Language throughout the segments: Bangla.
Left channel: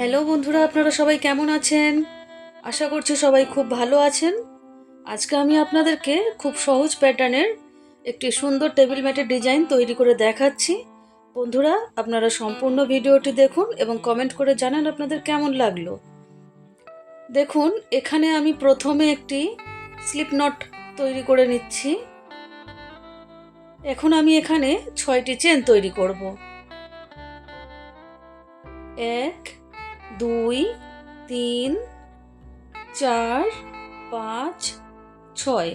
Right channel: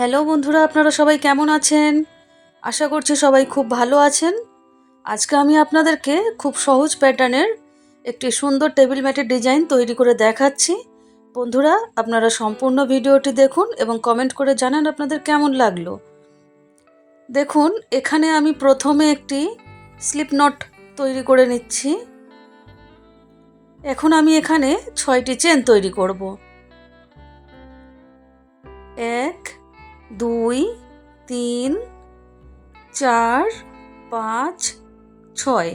হ্যালো বন্ধুরা, আপনারা সবাই কেমন আছেন? আশা করছি সবাই খুব ভালো আছেন। আজকে আমি আপনাদেরকে খুব সহজ প্যাটার্নের একটি সুন্দর টেবিল ম্যাটের ডিজাইন তৈরি করে দেখাচ্ছি। বন্ধুরা, আপনারা সম্পূর্ণ ভিডিওটি দেখুন এবং কমেন্ট করে জানান আপনাদের কেমন লাগলো। দেখুন, এখানে আমি প্রথমে একটি স্লিপ নট তৈরি করে নিচ্ছি। এখন আমি এখানে 6টি চেন তৈরি করব। 1, 2, 3, 4, 5, 6।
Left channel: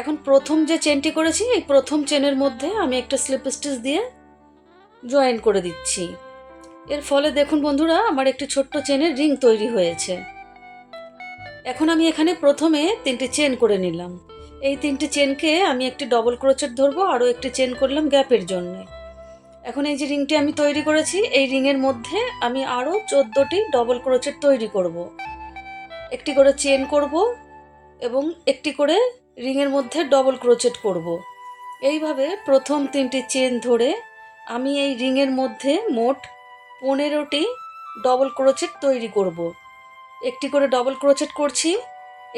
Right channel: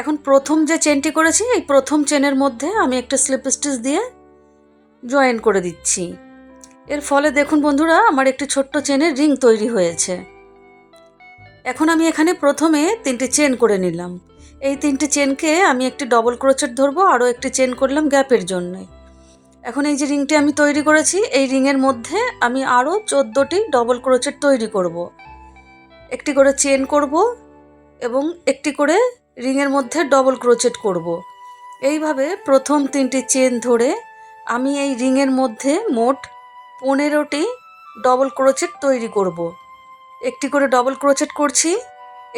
এখন প্রথম যে চেনটি করেছি এই প্রথম চেনের মধ্যে আমি একটা স্লিপ স্টিচ দিয়ে জয়েন করে দিচ্ছি। এর ফলে দেখুন বন্ধুরা, আমার একটি ছোট্ট চেনের রিং তৈরি হয়েছে। এখন আমি এখানে প্রথমে 3টি চেন করে নিলাম। এই 3টি চেনকে আমি একটি ডবল ক্রোচেট ধরবো, আরও একটি চেন করলাম গ্যাপের জন্য। এখন এই যে রিংটি আমি তৈরি করেছি, এই রিংয়ের মধ্যে আমি আরও 14টি ডবল ক্রোচেট তৈরি করব। একটি করে চেন করব এবং একটি করে রিংয়ের মধ্যে ডবল ক্রোচেট করব। এইভাবে প্রথম 3টি চেন ধরে আমি এই রিংয়ের মধ্যে মোট 15টি ডবল ক্রোচেট তৈরি করব। একটি করে ডবল ক্রোচেট করছি,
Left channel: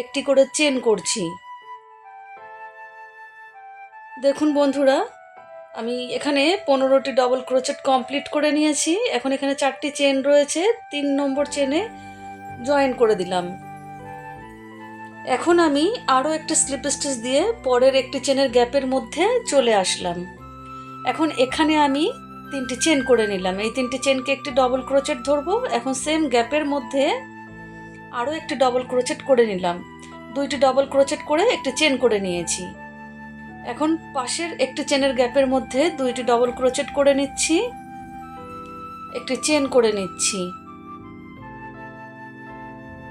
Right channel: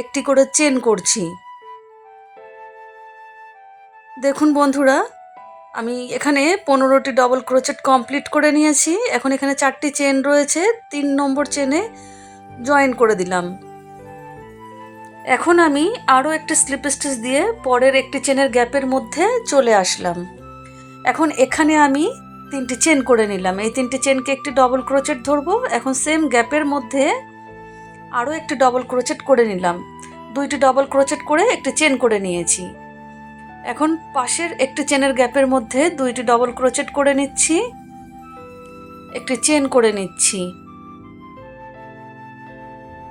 একটি করে চেন করছি। দেখুন বন্ধুরা, আমি এখানে 15টি ডবল ক্রোচেট কমপ্লিট করে নিয়েছি। এখন এখানে 4টি চেন রয়েছে, 3 নম্বর চেনে জয়েন করে দিলাম। এখন আমি আরও একটি স্লিপ স্টিচ দিয়ে পরের একটি চেনের গ্যাপের মধ্যে চলে আসলাম। এখন এখানে আমি 3টি চেন করে নিলাম। এই 3টি চেনকে একটি ডবল ক্রোচেট ধরবো। এখন সেম গ্যাপের মধ্যে আরও একটি ডবল ক্রোচেট করে নিলাম। 2টি ডবল ক্রোচেট করে একটি চেন করে নিয়েছি। এখন পাশের একটি চেনের গ্যাপের মধ্যে 2টি ডবল ক্রোচেট করে নিচ্ছি, একটি চেন করে নিচ্ছি।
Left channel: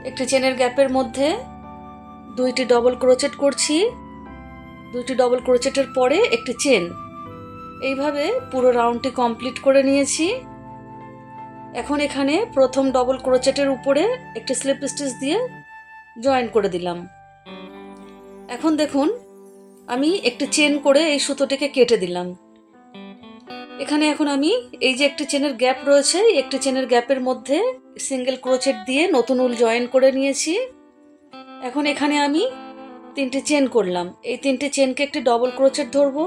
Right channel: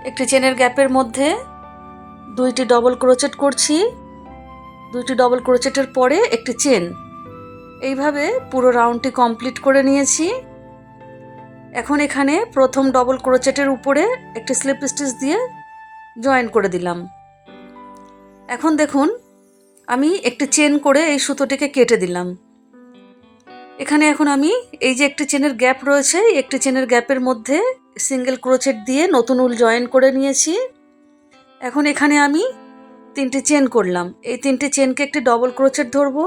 একটি চেনের গ্যাপের মধ্যে 2টি ডবল ক্রোচেট করছি, 2টি ডবল ক্রোচেটের পরে একটি চেন। এইভাবে পুরো রাউন্ডটি কমপ্লিট করে নিয়েছি। এখন এখানে প্রথম ডবল ক্রোচেটের উপরে একটি স্লিপ স্টিচ দিয়ে জয়েন করে দিলাম। এখন দেখুন, আমি একটি চেন করে এই সুতোটিকে কেটে দিলাম। এখানে এখন আমি এই যে একটি চেনের গ্যাপ রয়েছে, একটি চেনের গ্যাপের মধ্যে সিঙ্গেল ক্রোচেট দিয়ে নতুন উল জয়েন করে নিয়েছি। এখন এখানে আমি 3টি চেন করলাম। এই 3টি চেনকে একটি ডবল ক্রোচেট ধরবো।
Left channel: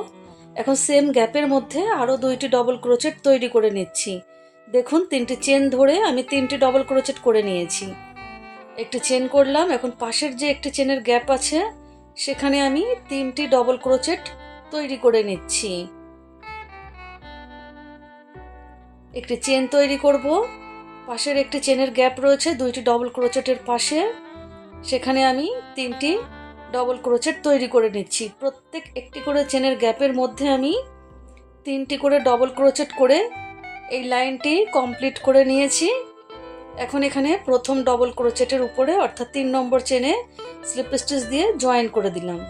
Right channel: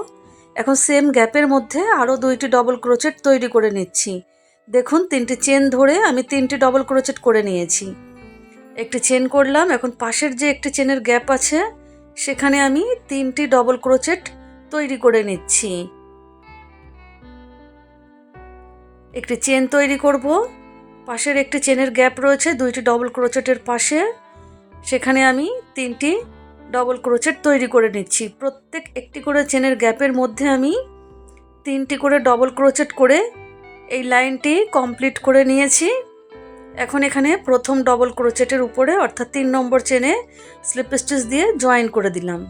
এখন সেম গ্যাপের মধ্যে আরও 2টি ডবল ক্রোচেট তৈরি করে নিচ্ছি। দেখুন, 3টি চেন ধরে আমি 3টি ডবল ক্রোচেট করে নিয়েছি। একটি চেন করলাম। এখন পাশের যে একটি চেনের গ্যাপ আছে সেখানে আমি 3টি ডবল ক্রোচেট তৈরি করে নিচ্ছি। একটি চেন তৈরি করব। পাশের একটি চেনের গ্যাপ রয়েছে 2টি ডবল ক্রোচেটের পাশে, সেখানে আমি 3টি ডবল ক্রোচেট তৈরি করে নিচ্ছি। প্রত্যেক একটি করে চেনের গ্যাপের মধ্যে আমি 3টি করে ডবল ক্রোচেট করে এই লাইনটি কমপ্লিট করে নিয়েছি। এখন এখানে প্রথম ডবল ক্রোচেটের উপরে অর্থাৎ 3 নম্বর চেনে স্লিপ স্টিচ দিয়ে জয়েন করে দিলাম।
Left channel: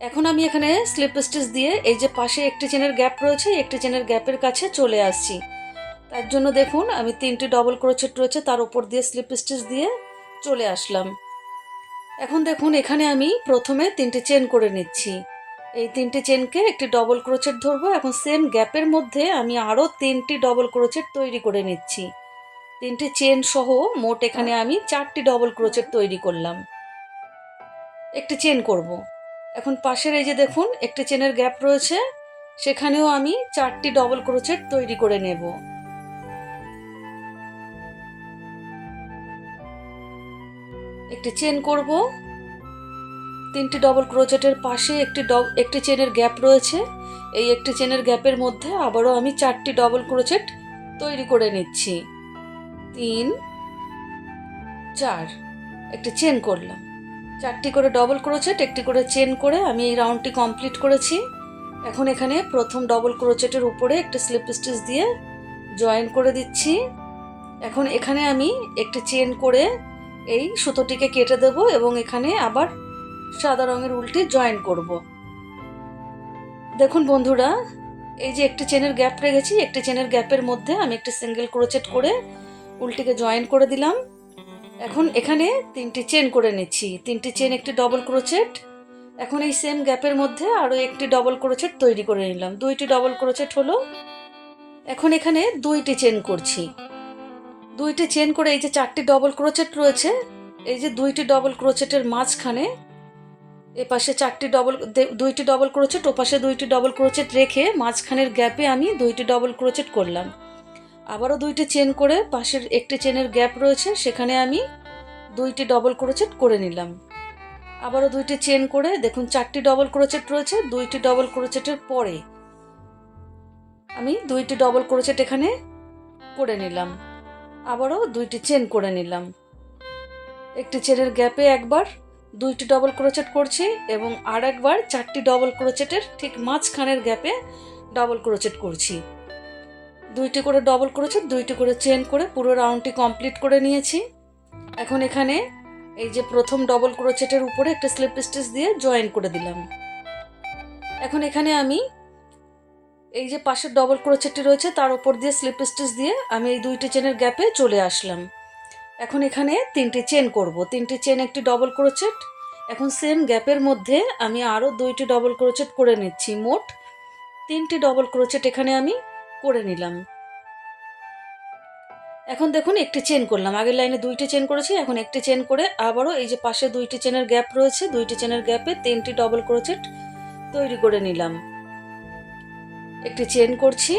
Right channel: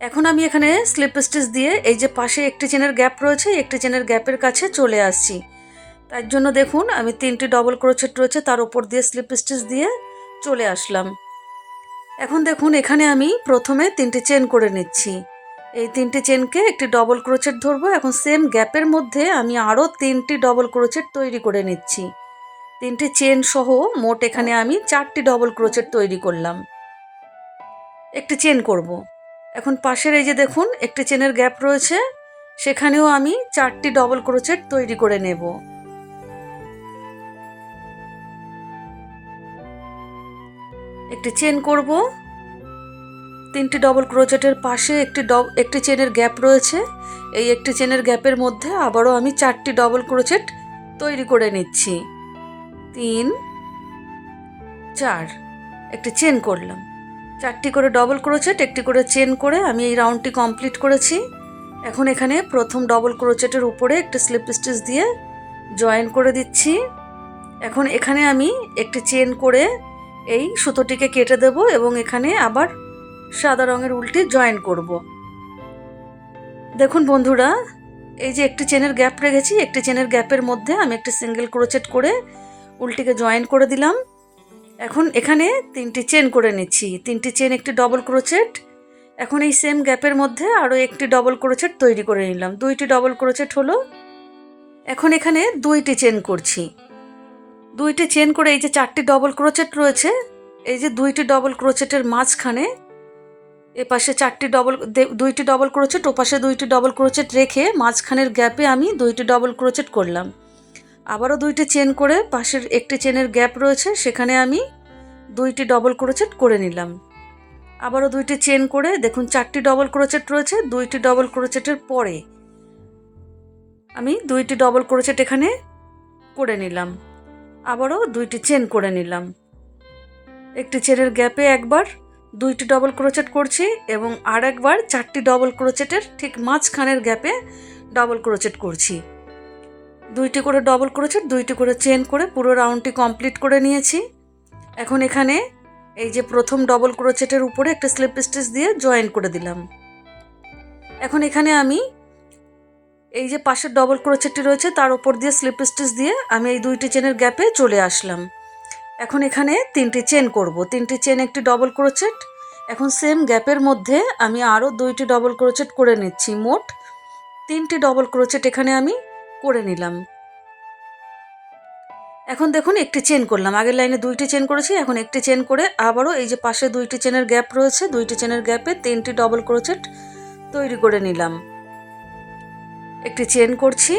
এখন আমি এখানে স্লিপ স্টিচ দিয়ে এই যে পাশে একটি চেনের গ্যাপ রয়েছে, একটি চেনের গ্যাপের কাছে চলে আসছি। তার জন্য দেখুন, আমি 3টি ডবল ক্রোচেট রয়েছে তার উপর দিয়ে স্লিপ স্টিচ দিয়ে চলে আসলাম। এখন দেখুন, এখানে আমি প্রথমে 3টি চেন করে নিচ্ছি। এই 3টি চেনকে একটি ডবল ক্রোচেট ধরবো। এখন সেম গ্যাপের মধ্যে আমি আরও 3টি ডবল ক্রোচেট তৈরি করে নিচ্ছি। 3টি চেন সহ মোট এখানে আমি 4টি ডবল ক্রোচেট তৈরি করলাম। একটি চেন করব। এখন পাশের এই যে দেখুন একটি চেনের গ্যাপ রয়েছে, সেখানেও আমি 4টি ডবল ক্রোচেট তৈরি করে নেব। একটি চেন করব। 3টি ডবল ক্রোচেটের পাশে একটি চেনের গ্যাপ রয়েছে, এই একটি চেনের গ্যাপের মধ্যে আবারও আমি 4টি ডবল ক্রোচেট তৈরি করে নিচ্ছি। 3, 4, একটি চেন করলাম। 4টি করে ডবল ক্রোচেট, একটি করে চেন করে আমি এই রাউন্ডটি কমপ্লিট করেছি। এখন এখানে প্রথম ডবল ক্রোচেটের উপরে একটি স্লিপ স্টিচ দিয়ে জয়েন করে দিচ্ছি। এখন এখানে আমি একটি চেন করে এই সুতোটিকে কেটে দেব এবং এখানে আবার সাদা রঙের উলটি জয়েন করব। দেখুন বন্ধুরা, এই যে একটি চেনের গ্যাপ রেখেছি, একটি চেনের গ্যাপের মধ্যে আমি একটি সিঙ্গেল ক্রোচেট করে উলটিকে জয়েন করে দিলাম। এখন এখানে 3টি চেন করে নিচ্ছি। 3টি চেন, একটি ডবল ক্রোচেট। এখন এই সেম গ্যাপের মধ্যে আরও একটি ডবল ক্রোচেট তৈরি করে নিলাম। 2টি ডবল ক্রোচেট হলো। এখন এখানে 2টি চেন করছি। দুইটি চেন করে এই যে 4টি ডবল ক্রোচেট রয়েছে, এই যে 2টি ডবল ক্রোচেটের মাঝখানে এপাশে 2টি ডবল ক্রোচেট, ওপাশে 2টি ডবল ক্রোচেট রেখে মাঝখানের গ্যাপে আমি 2টি ডবল ক্রোচেট করলাম। আবারও 2টি চেন করে পাশের একটি চেনের গ্যাপ রয়েছে, সেখানে আমি 2টি ডবল ক্রোচেট করে নিলাম। আবারও 2টি চেন করে দেখুন 4টি ডবল ক্রোচেট রয়েছে, 2টি ডবল ক্রোচেটের পরে আমি 2টি ডবল ক্রোচেট এখানে করে নিলাম। আবারও 2টি চেন করে নিলাম। একটি চেনের গ্যাপে একবার 2টি ডবল ক্রোচেট করছি এবং আর একবার 4টি ডবল ক্রোচেটের ঠিক মাঝখানের গ্যাপে ডবল ক্রোচেট করছি। 2টি করে ডবল ক্রোচেট, 2টি করে চেন করে পুরো রাউন্ডটি কমপ্লিট করে নিয়েছি। এখন এখানে এই যে প্রথম ডবল ক্রোচেটের উপরে একটা স্লিপ স্টিচ দিয়ে জয়েন করে দিলাম। এখন এখানে আমি এই যে পাশের ডবল ক্রোচেটটি রয়েছে তার উপর দিয়ে স্লিপ স্টিচ দিয়ে আমি এই 2টি চেনের গ্যাপে চলে আসলাম। এখন এখানে 3টি চেন করব, 3টি চেন একটি ডবল ক্রোচেট। এখন সেম গ্যাপের মধ্যে আমি আরও 2টি ডবল ক্রোচেট করে নিচ্ছি। মোট 3টি ডবল ক্রোচেট এখানে আমি করে নিলাম। এখন দেখুন একটি চেন করলাম, আগের লাইনে 2টি চেন করেছি, এখন একটি চেন করে আবারও এই যে পাশে 2টি চেনের গ্যাপ রয়েছে, 2টি চেনের গ্যাপে 3টি ডবল ক্রোচেট তৈরি করে নিলাম। একটি চেন করছি,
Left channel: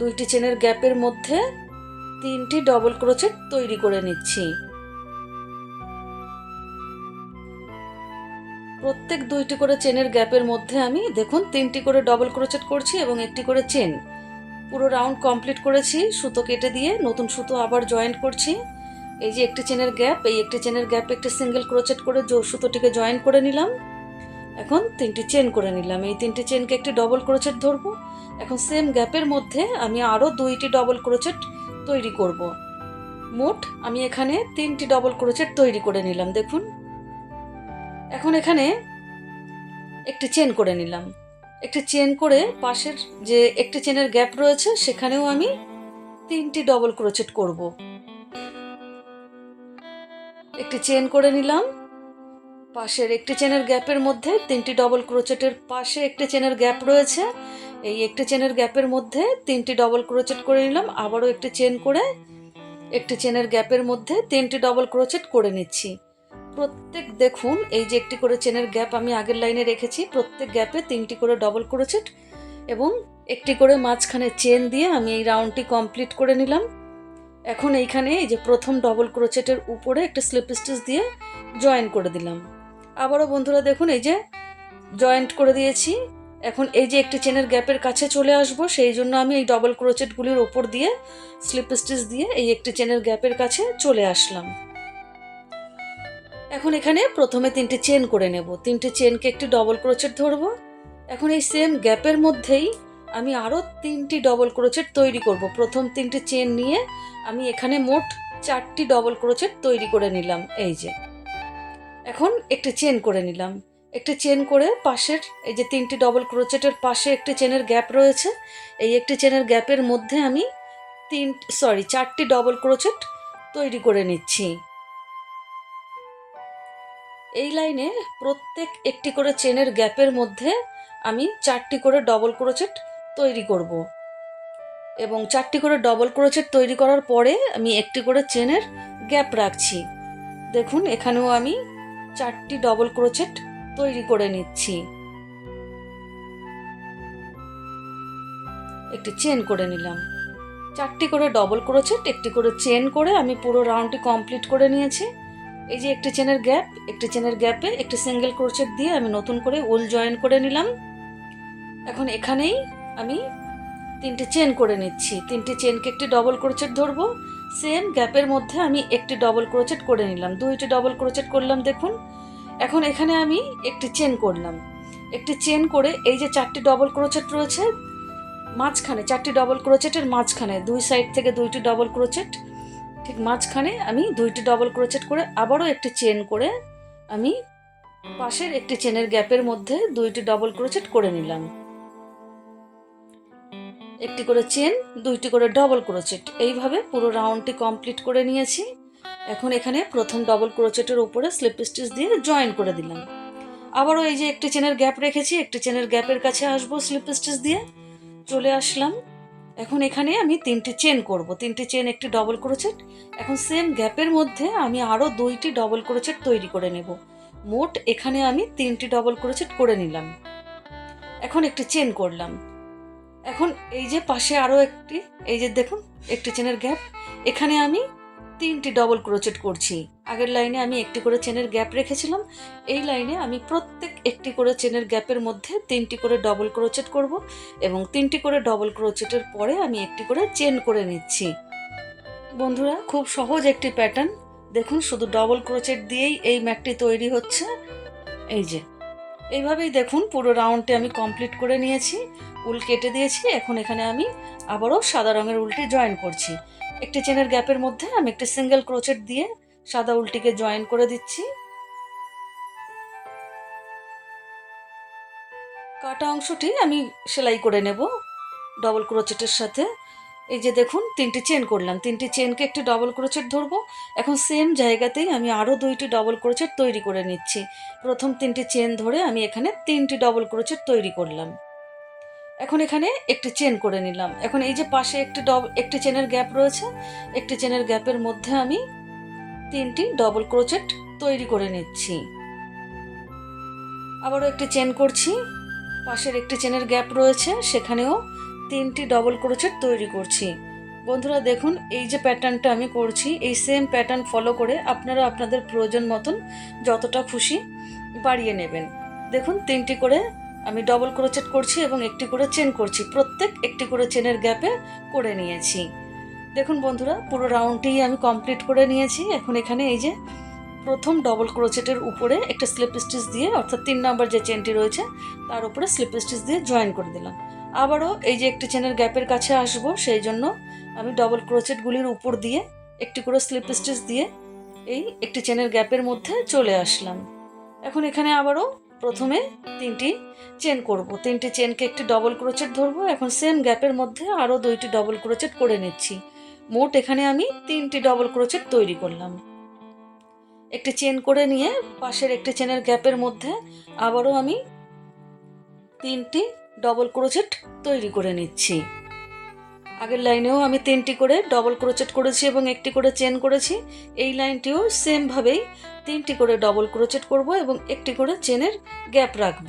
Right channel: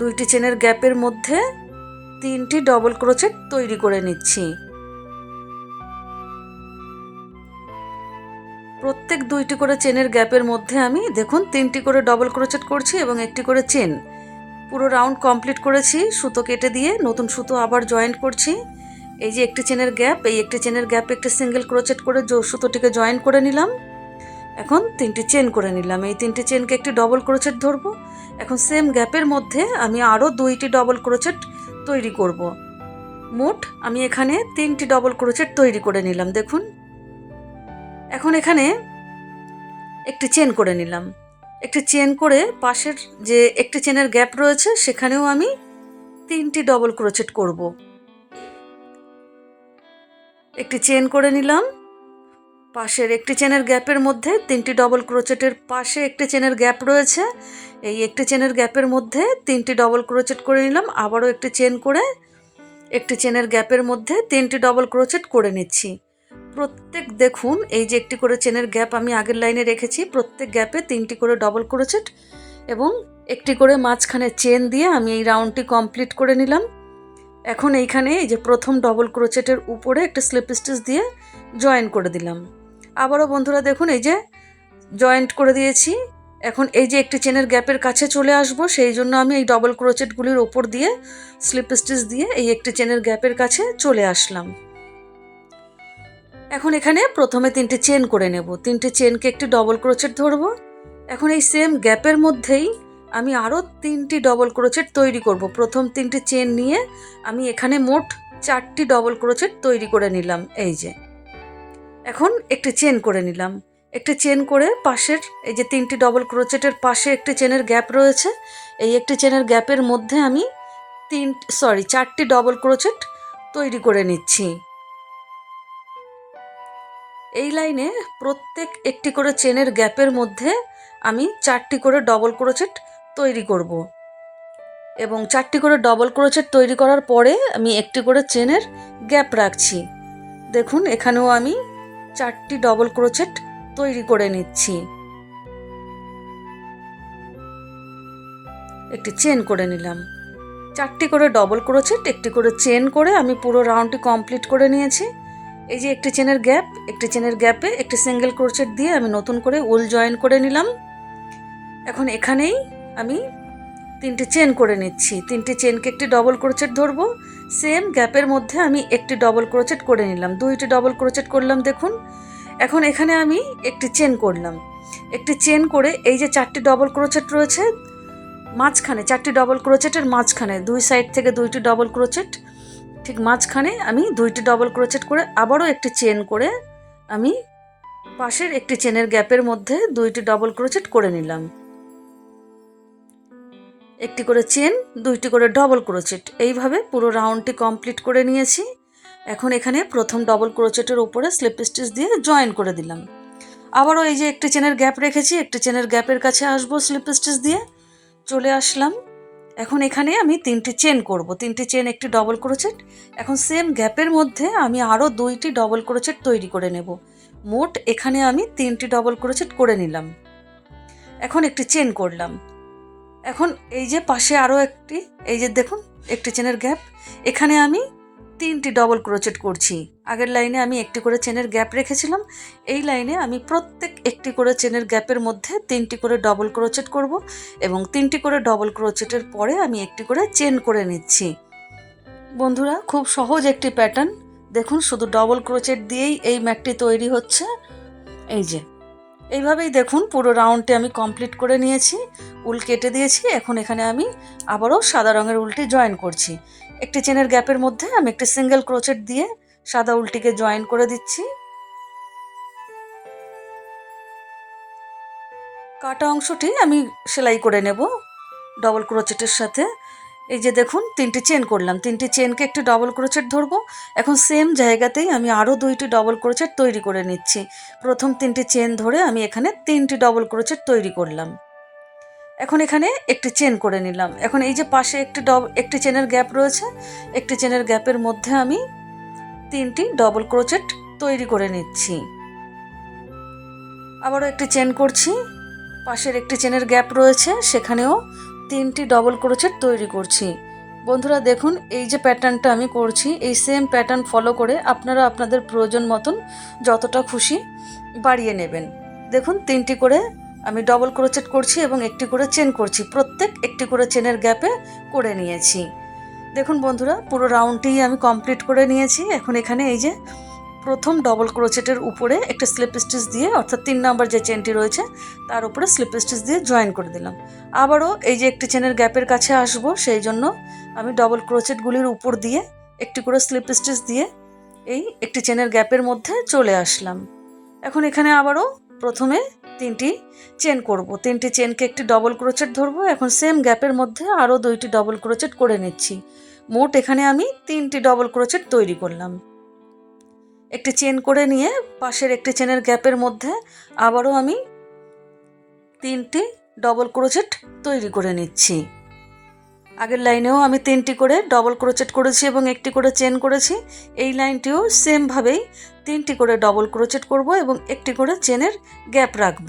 2টি চেনের গ্যাপের মধ্যে 3টি ডবল ক্রোচেট তৈরি করে নিচ্ছি। প্রত্যেক 2টি করে চেনের গ্যাপের মধ্যে আমি দেখুন 3টি করে ডবল ক্রোচেট করছি এবং একটি করে চেন। পুরো রাউন্ড কমপ্লিট করেছি। সুতো কেটে দিয়ে নতুন সুতো আবার জয়েন্ট করছি। এই যে একটি চেনের গ্যাপ, এই একটি চেনের গ্যাপে একটি সিঙ্গেল ক্রোচেট করে সুতোটিকে জয়েন করে নিলাম। এখন 3টি চেন করে নিলাম। এই 3টি চেনকে একটি ডবল ক্রোচেট ধরবো। এখন সেম গ্যাপের মধ্যে আমি আরও 2টি ডবল ক্রোচেট তৈরি করব। মোট আমি এখানে 3টি ডবল ক্রোচেট তৈরি করে নিলাম দেখুন। এখন এখানে একটি চেন করে নিলাম। একটি চেন করে পাশের যে একটি চেনের গ্যাপ রয়েছে সেখানেও আমি 3টি ডবল ক্রোচেট করব। একটি চেন করে নিলাম, পাশের একটি চেনের গ্যাপের মধ্যে 3টি ডবল ক্রোচেটের পাশে একটি চেনের গ্যাপ রয়েছে, এই একটি চেনের গ্যাপের মধ্যে 3টি ডবল ক্রোচেট করে নিলাম। আবারও একটি চেন করে একটি চেনের গ্যাপের মধ্যে 3টি ডবল ক্রোচেট করে নিচ্ছি। প্রত্যেক দেখুন এই যে একটি করে চেনের গ্যাপ আমি আগের লাইনে রেখেছি, প্রত্যেক গ্যাপে 3টি করে ডবল ক্রোচেট এবং একটি করে মাঝখানে চেন দিয়ে আমি এই রাউন্ডটি কমপ্লিট করে নিলাম। এখন এইখানে এই যে প্রথম ডবল ক্রোচেটের উপরে একটা স্লিপ স্টিচ দিয়ে জয়েন করে দিলাম। আবারও বন্ধুরা দেখুন এই যে জয়েন্ট করে দিয়েছি। এখন এই যে একটি চেনের গ্যাপের কাছে চলে আসব, সেই জন্য আমি এই ডবল ক্রোচেটগুলির ওপর দিয়ে স্লিপ স্টিচ দিয়ে এই একটি চেনের গ্যাপের কাছে চলে আসলাম। এখন এখানে প্রথমে 3টি চেন করে নেব, 3টি চেনকে একটি ডবল ক্রোচেট ধরবো। এখন এই সেম গ্যাপের মধ্যেই আমি আরও 3টি ডবল ক্রোচেট তৈরি করব। প্রথম 3টি চেন নিয়ে আমি এখানে মোট 4টি ডবল ক্রোচেট তৈরি করে নিলাম। এই যে এখন একটি চেন করে নিলাম, একটি চেন করে পাশের এই যে 3টি ডবল ক্রোচেটের পাশে একটি চেনের গ্যাপ রয়েছে, এই একটি চেনের গ্যাপের মধ্যে আমি 4টি ডবল ক্রোচেট তৈরি করে নিচ্ছি। এই লাইনে প্রত্যেক একটি করে চেনের গ্যাপের মধ্যে আমি 4টি করে ডবল ক্রোচেট তৈরি করব এবং 4টি করে ডবল ক্রোচেট তৈরি করার পরে আমি একটি করে চেনের গ্যাপ রাখছি। দেখুন এখানেও আমি 4টি ডবল ক্রোচেট তৈরি করে নিচ্ছি। একটি চেন করে নিলাম, 4টি করে ডবল ক্রোচেট একটি করে চেন করে আমি পুরো রাউন্ডটি কমপ্লিট করে নিয়েছি। এই যে একটি চেনের গ্যাপ, একটি চেনের গ্যাপে একটি সিঙ্গেল ক্রোচেট দিয়ে আমি নতুন করে উল জয়েন করে নিলাম। এখন এখানেই আমি 3টি চেন করে নিচ্ছি, 3টি চেনকে একটি ডবল ক্রোচেট ধরবো। সেম গ্যাপের মধ্যে আমি একটি ডবল ক্রোচেট করে নিলাম, 2টি ডবল ক্রোচেট করলাম দেখুন। এখন এখানে আমি একটি চেন করলাম, একটি চেন করে এই যে 4টি ডবল ক্রোচেট রয়েছে মাঝখানে, 4টি ডবল ক্রোচেটের মাঝখানে 2 সাইড থেকে 2টি ডবল ক্রোচেট, ঠিক মাঝখানে আমি 2টি ডবল ক্রোচেট করে আবারও একটি চেন করে আমি পাশের একটি চেনের গ্যাপের মধ্যে 2টি ডবল ক্রোচেট করে নিলাম। একটি করে চেন, 2টি করে ডবল ক্রোচেট, এইভাবে পুরো রাউন্ডটি কমপ্লিট করে নিয়েছি। এখন এখানে প্রথম ডবল ক্রোচেটের উপরে স্লিপ স্টিচ দিয়ে জয়েন করে দিলাম। আবারও এই যে একটি চেনের গ্যাপ রেখেছি, একটি চেনের গ্যাপের কাছে আসবো, স্লিপ স্টিচ দিয়ে চলে আসলাম। এখন এখানে আমি 3টি চেন করব, 3টি চেন, একটি ডবল ক্রোচেট। এখন সেম গ্যাপের মধ্যে আমি আরও 2টি ডবল ক্রোচেট তৈরি করে নেব। মোট এখানে আমি 3টি ডবল ক্রোচেট করে নিলাম। এখন একটি চেন করলাম। এখন এই যে পাশে আরও একটি, এই যে দেখুন একটি চেনের গ্যাপ, এখানে আমি 3টি ডবল ক্রোচেট করছি। আগের লাইনে আমি একটি করে চেনের গ্যাপ রেখেছিলাম, এই লাইনে আমি প্রত্যেক একটি করে চেনের গ্যাপের মধ্যে 3টি করে ডবল ক্রোচেট করব এবং 3টি করে ডবল ক্রোচেটের পরে আমি একটি করে চেন করে নিচ্ছি। বন্ধুরা, খুব সহজ একটি প্যাটার্ন। দেখুন, শুধু ডবল ক্রোচেট দিয়েই এই ম্যাটটি তৈরি হচ্ছে। এই যে এইভাবেই দেখুন পুরো রাউন্ডটি আমি কমপ্লিট করে নিয়েছি, উল কেটে দিয়েছি। এখন এখানে আমি আবারও সাদা রঙের উলটি জয়েন করছি। একটি চেনের গ্যাপের মধ্যে আমি একটি সিঙ্গেল ক্রোচেট দিয়ে সাদা উলটিকে জয়েন করে দিচ্ছি। কাটা অংশটি আমি সেলাই করে নেব ডবল ক্রোচেটের সাথে। এই যে দেখুন 3টি চেন করলাম, 3টি চেনকে একটি ডবল ক্রোচেট ধরবো। এখন সেম জায়গাতেই আমি আরও 2টি ডবল ক্রোচেট তৈরি করে নিচ্ছি। প্রথম 3টি চেন ধরে আমি এখানে 3টি ডবল ক্রোচেট তৈরি করলাম। এখন এখানে একটি চেন করে নিলাম। এখন এই যে পাশে একটি চেনের গ্যাপ রয়েছে, একটি চেনের গ্যাপের মধ্যে আমি 3টি ডবল ক্রোচেট তৈরি করে নিচ্ছি। আবারও একটি চেন করছি, পাশের একটি চেনের গ্যাপ রয়েছে, সেখানেও 3টি ডবল ক্রোচেট তৈরি করছি। বন্ধুরা দেখুন, এই যে প্যাটার্নটা আমি করছি, এই সেম প্যাটার্ন ফলো করে আপনারা আপনাদের প্রয়োজন মতন যতটা খুশি বাড়িয়ে নেবেন। দেখুন 3টি করে আমি ডবল ক্রোচেট করছি এবং একটি করে চেন করছি, প্রত্যেক একটি করে চেনের গ্যাপে করে নিয়েছি। দেখুন বন্ধুরা, পুরো রাউন্ডটি আমি কমপ্লিট করে নিয়েছি। এখন এখানে এই যে প্রথম ডবল ক্রোচেটের উপরে একটা স্লিপ স্টিচ দিয়ে, অর্থাৎ 3 নম্বর যে চেনটি রয়েছে তার উপরে স্লিপ স্টিচ দিয়ে জয়েন করে দিলাম। আবারও এই যে একটি চেনের গ্যাপের কাছে আসবো, সেই জন্য আমি ডবল ক্রোচেটগুলির উপর দিয়ে একটি করে স্লিপ স্টিচ দিয়ে এই একটি চেনের গ্যাপের মধ্যে চলে আসলাম। এখন এখানে আবারও প্রথমে 3টি চেন করব, 3টি চেনকে একটি ডবল ক্রোচেট ধরবো। এখন সেম গ্যাপের মধ্যে আরও 2টি ডবল ক্রোচেট করে নিচ্ছি। মোট এখানে আমি 3টি ডবল ক্রোচেট তৈরি করলাম। একটি চেন করে নিয়ে পাশের একটি চেনের গ্যাপের মধ্যে আবারও আমি 3টি ডবল ক্রোচেট তৈরি করে নিচ্ছি। আগের লাইনেও আমি 3টি করে ডবল ক্রোচেট করেছি এবং একটি করে চেন করেছি। এই লাইনটিও সেমভাবেই 3টি করে ডবল ক্রোচেট করব এবং একটি করে চেনের গ্যাপ রাখব।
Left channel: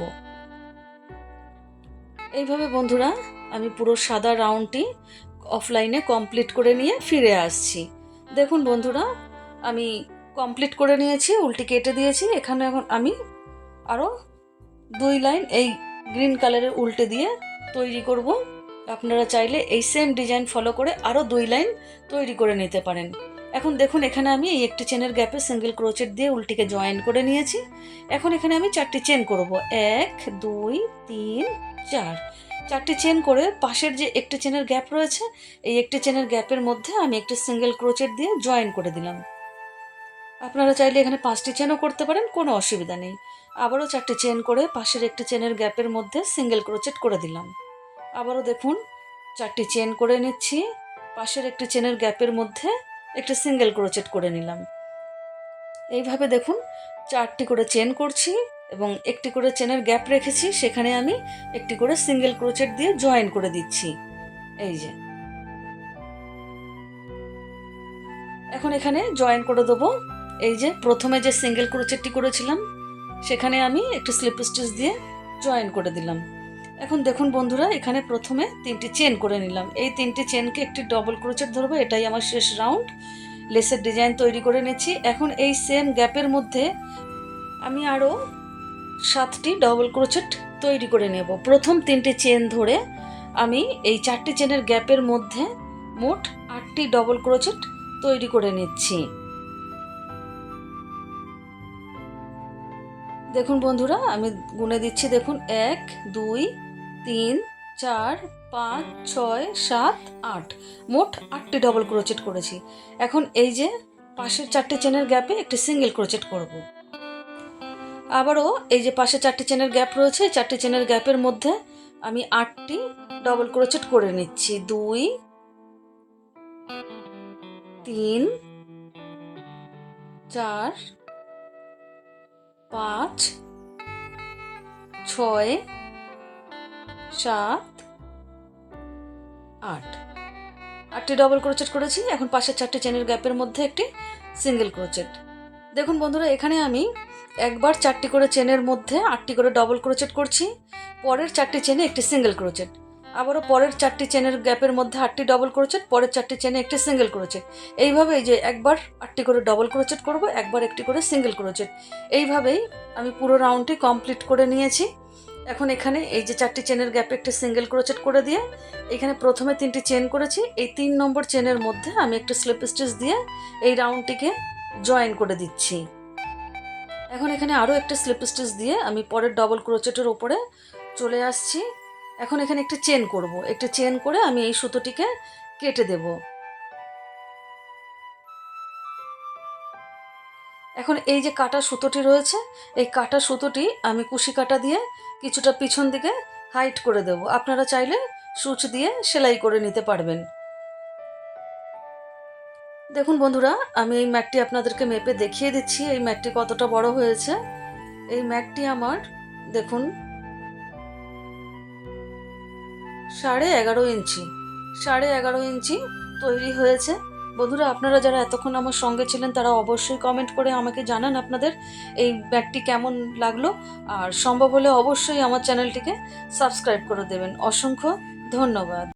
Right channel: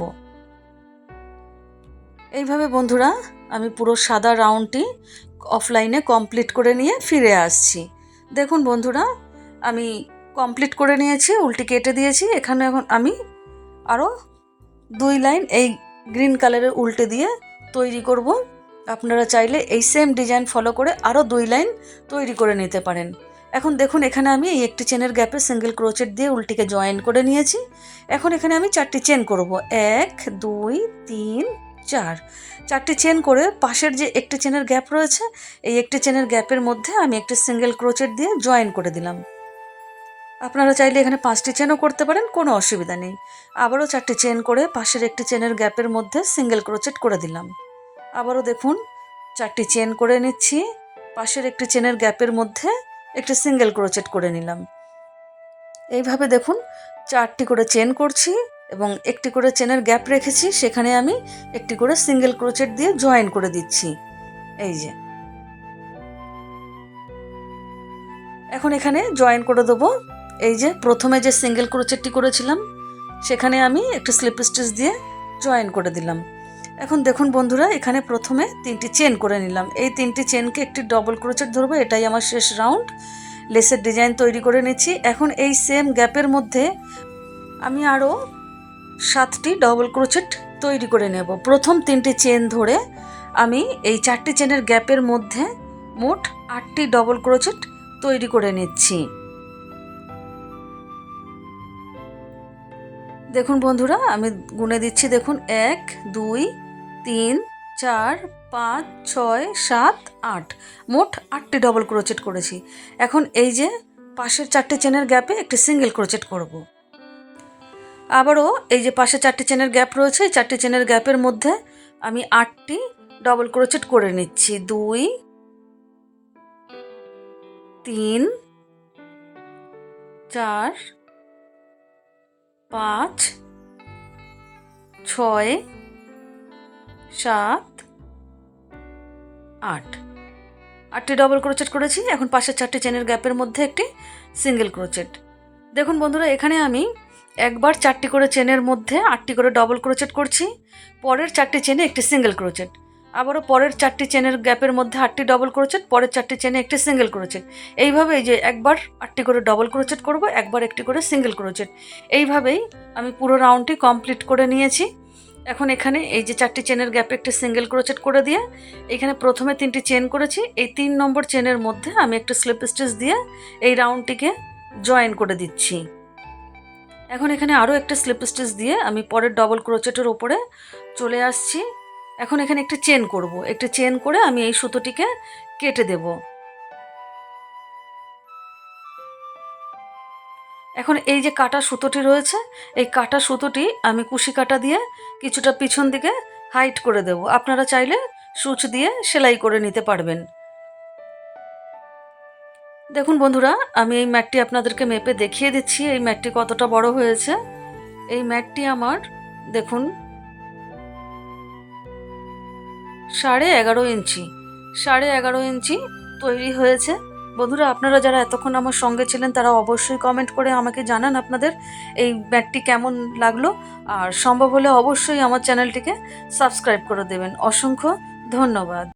এইভাবে বন্ধুরা আমি পুরো সাদা রাউন্ডটি অফলাইনে কমপ্লিট করে নিয়ে ফিরে আসছি। দেখুন বন্ধুরা, আমি কমপ্লিট করে নিয়েছি, উল্টি কেটে দিয়েছি। এখানে এখন আমি আরও 2 লাইন এই গ্রিন কালারের উল্টে দিয়ে তৈরি করব। আপনারা চাইলে এই সেম ডিজাইন ফলো করে আরও 2 লাইন তৈরি করে নিতে পারেন। এখন দেখুন, এখানে আমি এই একটি চেনের গ্যাপে সিঙ্গেল ক্রোচেট দিয়ে উল্টিকে জয়েন করে নিয়েছি। এখন এখানে আমি 4টি চেন করব, 1 2 3 4। 4টি চেন করে পাশের যে একটি চেনের গ্যাপ রয়েছে, এই একটি চেনের গ্যাপের মধ্যে আমি একটি সিঙ্গেল ক্রোচেট দিয়ে জয়েন করে দিলাম। আপনারা চাইলে এখানে 5টি চেনও করতে পারেন, কোনো অসুবিধা নেই। আবারও 4টি চেন করে পাশের একটি চেনের গ্যাপের মধ্যে সিঙ্গেল ক্রোচেট করে দিলাম। আবারও দেখুন 4টি চেন করে নিচ্ছি, পাশের একটি চেনের গ্যাপের মধ্যে একটি সিঙ্গেল ক্রোচেট করে নিলাম। এইভাবে দেখুন 4টি করে চেন করছি এবং একটি করে চেনের গ্যাপ রেখেছি, সেখানে আমি একটি করে সিঙ্গেল ক্রোচেট দিয়ে জয়েন করে দিচ্ছি। এই যে এখন এখানে জয়েন করে দেবো। এই যে প্রথমে যে সিঙ্গেল ক্রোচেটটি করেছিলাম, সেখানে আমি একটু স্লিপ স্টিচ দিয়ে জয়েন করে দিলাম। এখন দেখুন বন্ধুরা, এখানে প্রথমে 3টি চেন করে নিলাম। এই 3টি চেনকে একটি ডবল ক্রোচেট ধরবো, এটাই আমার শেষ রাউন্ড। লেসের ডিজাইন তৈরি করে নিচ্ছি। এখন এই সেম গ্যাপের মধ্যে আমি আরও 7টি ডবল ক্রোচেট তৈরি করে নেব। প্রথম 3টি চেন ধরে আমি এই 4টি চেনের গ্যাপের মধ্যে মোট 8টি ডবল ক্রোচেট তৈরি করে নিচ্ছি। দেখুন বন্ধুরা, আমি গুনে দিচ্ছি। দেখুন 1 2 3 4 5 6 7 8, মোট 8টি ডবল ক্রোচেট করেছি। এখন এই যে পাশের 4টি চেনের গ্যাপে একটি সিঙ্গেল ক্রোচেট করব। আবারও এই যে পাশে 4টি চেনের গ্যাপ রয়েছে, এই 4টি চেনের গ্যাপের মধ্যে আমি 8টি ডবল ক্রোচেট করে নিচ্ছি। 2 3 4 5 6 7 8টি ডবল ক্রোচেট করেছি। এখন পাশের 4টি চেনের গ্যাপের মধ্যে একটি সিঙ্গেল ক্রোচেট। দেখুন বন্ধুরা, এখানে আমি একবার 4টি করে চেনের মধ্যে 8টি করে ডবল ক্রোচেট করছি, পরের 4টি চেনে একটি সিঙ্গেল ক্রোচেট, আবারও পরের 4টি চেনের গ্যাপের মধ্যে 8টি ডবল ক্রোচেট, পরের 4টি চেনে একটি সিঙ্গেল ক্রোচেট। এইভাবে এই যে একবার 8টি করে ডবল ক্রোচেট করব, একবার একটি করে সিঙ্গেল ক্রোচেট, এইভাবেই আমি পুরো রাউন্ডটি কমপ্লিট করে নিয়েছি। এখন এখানে এই যে 4টি চেনের গ্যাপে একটি সিঙ্গেল ক্রোচেট করে দিয়ে এখানে প্রথমে 3টি চেন করেছি, এই 3 নম্বর চেনের মধ্যে আমি একটা স্লিপ স্টিচ দিয়ে এই রাউন্ডটিকে জয়েন করে দিচ্ছি। এখন এখানে আরও একটা স্লিপ স্টিচ দিয়ে আমি পরের ডবল ক্রোচেটের ওপরে চলে আসছি। এখন এখানে একটি চেন করব, একটি চেন করে আমি এই সুতোটিকে কেটে দেব। এখন এই যে কাটা সুতোটি রয়েছে, এই কাটা সুতোটি আমি কুশি কাটা দিয়ে কিছুটা পিছন দিকে হাইট করে দেব। আপনারা চাইলে সূচ দিয়ে সেলাই করে নিতে পারবেন। দেখুন বন্ধুরা, আমি এই ম্যাটটি আপনাদেরকে মেপে দেখিয়ে দিচ্ছি এই ম্যাটটি কতটা বড় হয়েছে। এই ম্যাটটি আমার দেখুন 11.5 ইঞ্চি, 11.5 ইঞ্চি তৈরি হয়েছে। বন্ধুরা, আপনারা যারা এতক্ষণ আমার সঙ্গে ছিলেন তারা অবশ্যই কমেন্ট করে আমাকে জানান আপনাদের এই ম্যাটটি কেমন লাগলো, আর সম্ভব হলে অবশ্যই আমার চ্যানেলটিকে সাবস্ক্রাইব করে দেবেন। অসংখ্য ধন্যবাদ।